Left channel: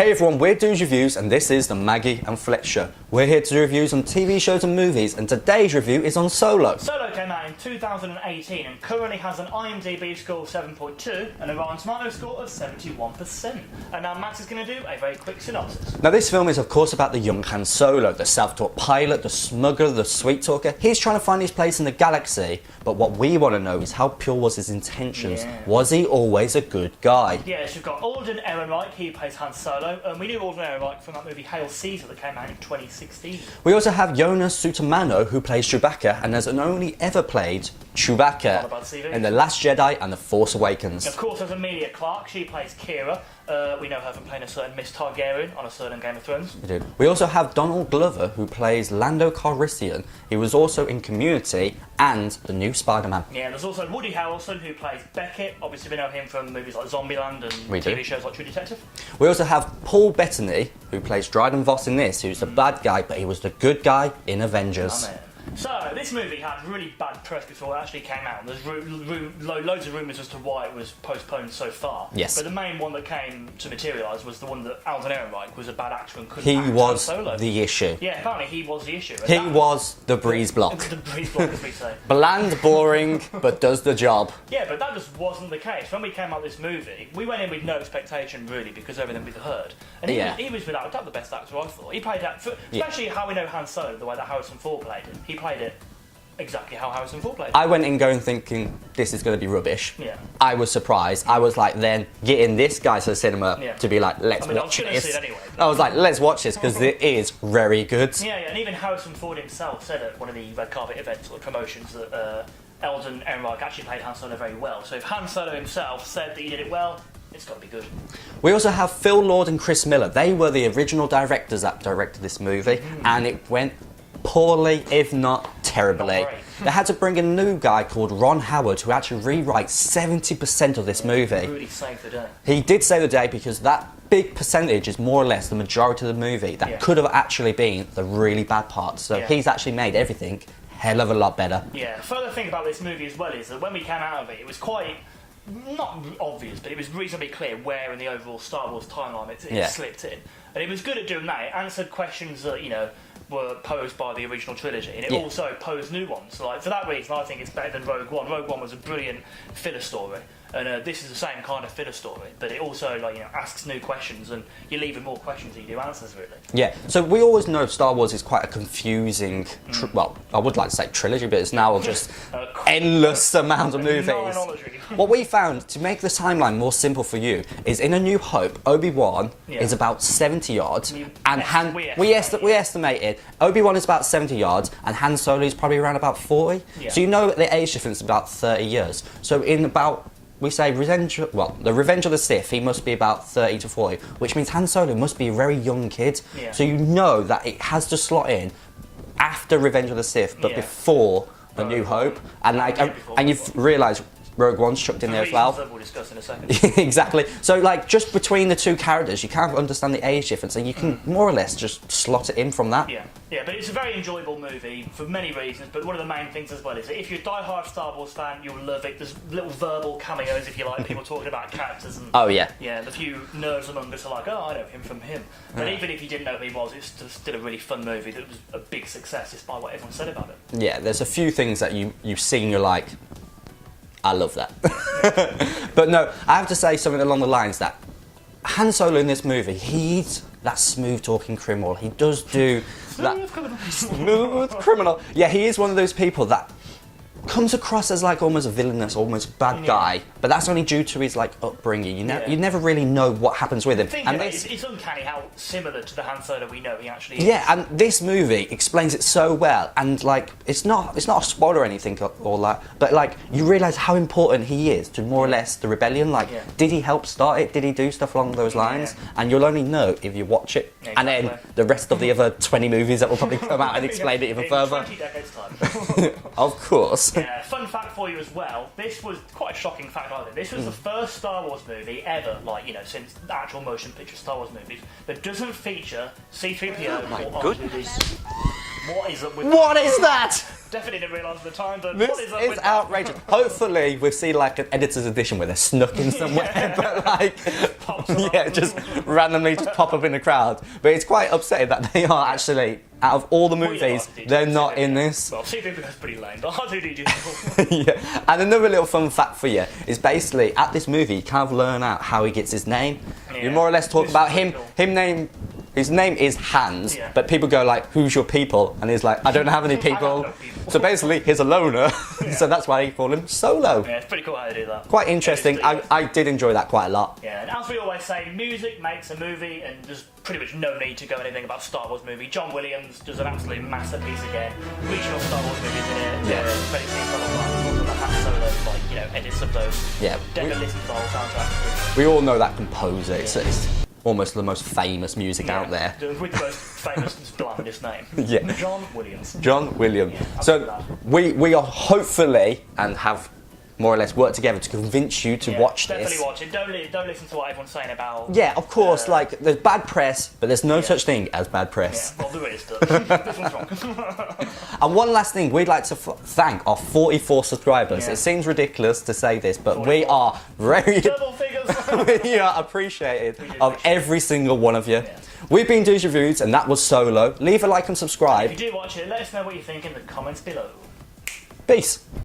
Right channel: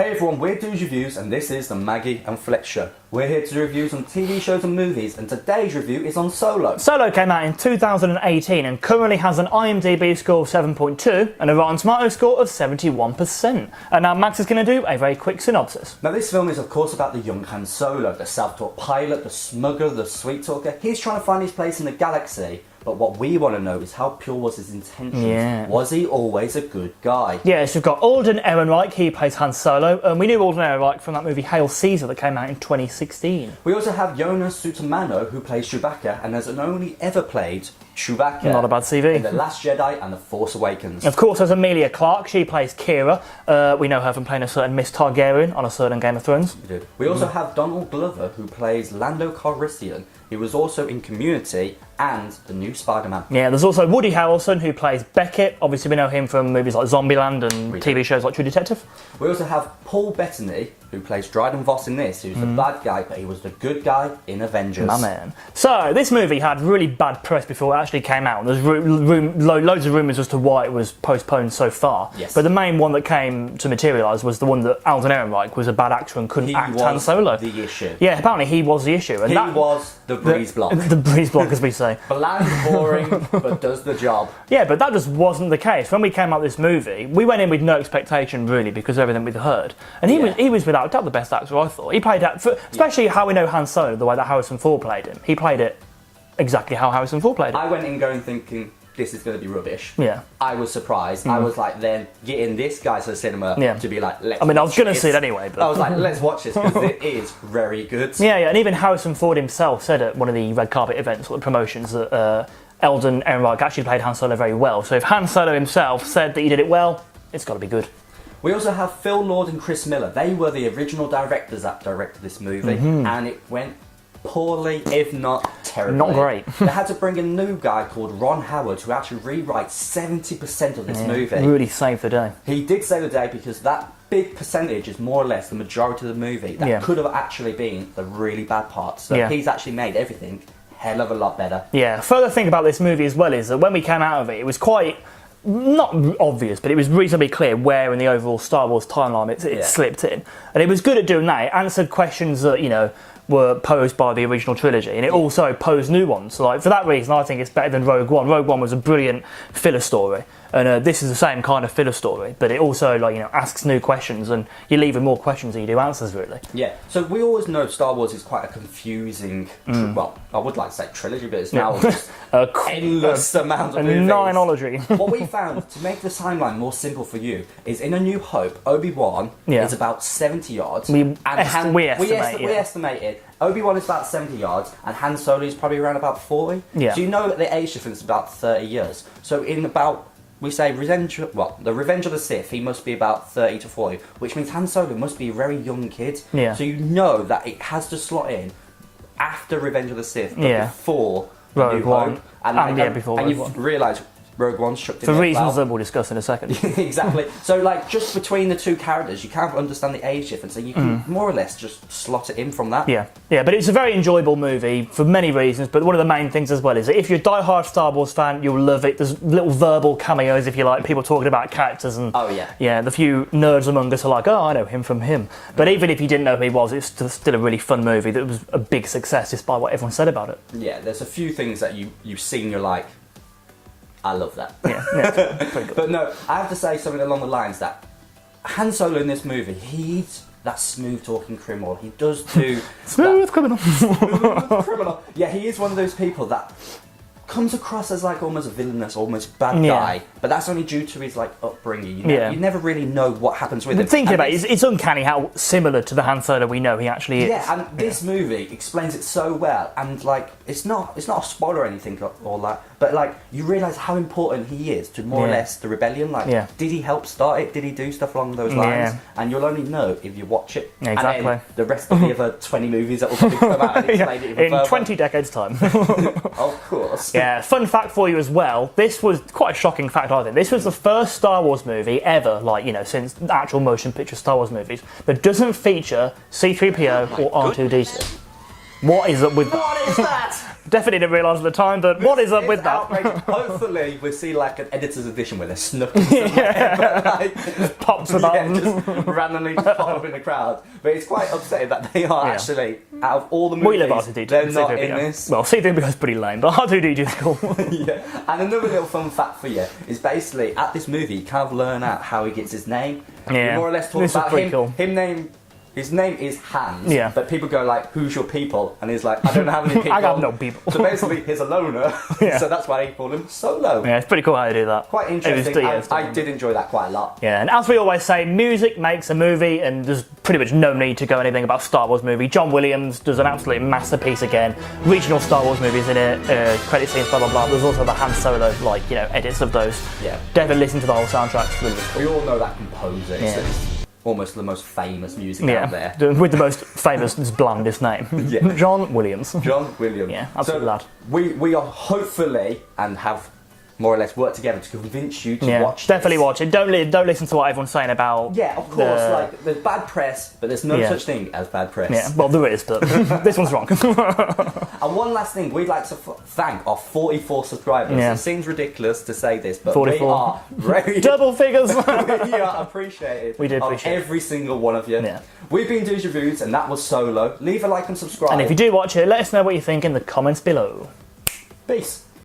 Hey everyone, we're DudesReviews and this is the Maggie and Fletch Show. We're here to do reviews on TV shows and movies, and today's review is on Solo. Solo came out in 2018 and currently has an IMDb score of 7.2 and a Rotten Tomatoes score of 71%. And now Max is going to do a very quick synopsis. Now this film is of course about the young Han Solo, the self-taught pilot, the smuggler, the sweet talker. He's trying to find his place in the galaxy, but what we want to know is how pure was his intentions? Yeah. Was he always a good guy? Yes, you've got Alden Ehrenreich, he plays Han Solo, and we knew Alden Ehrenreich from that movie Hail Caesar that came out in 2016. We also have Jonas Sutamano, who plays Chewbacca and has only ever played Chewbacca Not a bad CV. in The Last Jedi and The Force Awakens. Of course, there's Emilia Clarke, she plays Kira. We know her from playing a certain Miss Targaryen on a certain Game of Thrones. We also have Donald Glover, who plays Lando Calrissian. He was also in Community and the new Spider-Man. Yeah, there's also Woody Harrelson, who plays Beckett. Obviously, we know him from movies like Zombieland and TV shows like True Detective. We also have Paul Bettany, who plays Dryden Voss in this, who's the bad guy, but he was the good guy in Avengers. My man. So, this movie had really bad press before it actually came out. There's loads of rumours as to why it was postponed so far. Yes. But the main one that came to materialise was the one that Alden Ehrenreich was a bad actor and couldn't act Han Solo. He was the issue. Yeah, apparently he was the issue. And He was the breeze block. The breeze block, as we say. Bland, boring, but does the job. Yeah, but that just wasn't the case. When we came out with this movie, we went in with no expectation, really, because of everything we'd heard. And he was without doubt the best actor, I thought. He played that, especially how we know Han Solo, the way that Harrison Ford played him. He played it exactly how Harrison Ford played it. I went in going thinking, this is going to be rubbish. Yeah. I was surprised. I was like, then getting this guy to the cinema to be like, let's I mean, I was watch going to this. see it anyway. But I was like, let's watch this, because it is very good. Yeah, and even Harrison Ford himself said at one of the red carpet events or the promotions that Alden Ehrenreich actually played Han Solo very well. So if Han Solo himself said that he did it well, it's got to be good. We also have Phil Lord and Chris Miller. They were the original directors that directed this movie, and it went poorly, if not terribly. Not great. They had to bring a new guy called Ron Howard to actually rewrite 70% of this movie. Really saved the day. He did save the day because that big percentage is more or less the majority of the movie that could have actually been the really bad parts. So he's actually made everything a hell of a lot better. Yeah, further thing about this movie as well is that when we came out of it, it was quite, not obvious, but it was reasonably clear where in the overall Star Wars timeline it slipped in. And it was good at doing that. It answered questions that, you know, were posed by the original trilogy, and it also posed new ones. So, like, for that reason, I think it's better than Rogue One. Rogue One was a brilliant filler story, and this is the same kind of filler story, but it also, like, you know, asks new questions, and you leave with more questions than you do answers, really. Yeah, so we always know Star Wars is quite a confusing, well, I would like to say trilogy, but it's now just endless amount of movies. Ninology. What we found, to make the timeline more simple for you, is in A New Hope, Obi-Wan is about 70 yards. We estimated Obi-Wan is about 70 yards, and Han Solo is probably around about 40. Yeah. So you know the age difference is about 30 years. So in about, we say, the Revenge of the Sith, he must be about 30 to 40, which means Han Solo must be a very young kid. Yeah. So you know that it has to slot in after Revenge of the Sith, but before A New Hope. And you've realised Rogue One's chucked in For there reasons as well. that we'll discuss in a second. Exactly. So, like, just between the two characters, you can't understand the age difference, and you can more or less just slot it in from that. Yeah, but it's a very enjoyable movie for many reasons, but one of the main things as well is that if you're a die-hard Star Wars fan, you'll love it. There's little verbal cameos, if you like, people talking about characters, and the few nerds among us are like, oh, I know him from him. But even if you didn't know who he was, it's still a really fun movie that was a big success despite what everyone said about it. Yeah, there's a few things that you've seen, you're like, I love that. Yeah, but no, I have to say something along the lines that Han Solo in this movie, he's that smooth-talking criminal. He does do... Smooth criminal. Smooth criminal. Yeah, he is one of those people that comes across as like almost a villainous, almost bad guy, but that's only due to his like upbringing. You never really know what happens with him. Thinking about it, it's uncanny how similar to the Han Solo we know he actually is. Yeah, and this movie explains it so well, and like it's not a spoiler or anything or that, but like you realise how important he is to more or less the rebellion. Like, did he help start it? Did he do stuff along those lines? And you'll only know if you watch it. Exactly. And then the rest of the other 20 movies that will probably come out and explain it even in further. 20 decades' time. Of course. Yeah, fun fact for you as well, this was quite a shocking fact, I think. This was the first Star Wars movie ever, like, you know, since actual motion picture Star Wars movies, that doesn't feature C3PO or R2D2. What is up with What is that? Definitely didn't realise at the time, but what is up with that? Outrageous. Hopefully, we'll see like an editor's edition where they're snuck in somewhere. Like, Pops about yeah, just randomly just pop up in the crowd. But it's quite upsetting that they are actually, out of all the movies, they're not in this. Well, C3PO is pretty lame, but R2D2 is cool. Yeah. And another little fun fact for you is basically at this movie you kind of learn out how he gets his name. Yeah. You more or less talk This is about pretty cool. His name is Hans, Yeah. but people go like, "Who's your people?" And he's like, "I don't have any people." I got no people. So basically, he's a loner. Yeah. So that's why he call him Solo. Yeah, it's pretty cool how they do that. Quite interesting. I did enjoy that quite a lot. Yeah, and as we always say, music makes a movie, and there's pretty much no need to go anything about Star Wars movie. John Williams does an absolute masterpiece again. Regional Star Wars movies in it, credit scenes, blah blah blah. There's also the Han Solo, like, you know, edits of those. Yeah. Definitely listen to the whole soundtrack. It's really good. We all know that composer. It's almost the most famous music out there. With the most famous, blandest name. Yeah. John Williams. John Williams. Yeah, so absolute lad. we are hopefully and have more or less worked together to convince you to watch Definitely this. watch it. Don't listen to what everyone's saying about. Yeah, of course. Like there's bad press, but there's no such thing as bad press. Yeah, well there is, but this one's wrong. And one last thing, we'd like to thank our 44 subscribers. Yeah. It seems ridiculous to say this, but 44. we are very Double figures. we are appreciated We did of appreciate every single one of you. Yeah. We've been DudesReviews, and that was Solo. Leave a like and subscribe. And if you do watch it, let us know what you think in the comments below. Peace.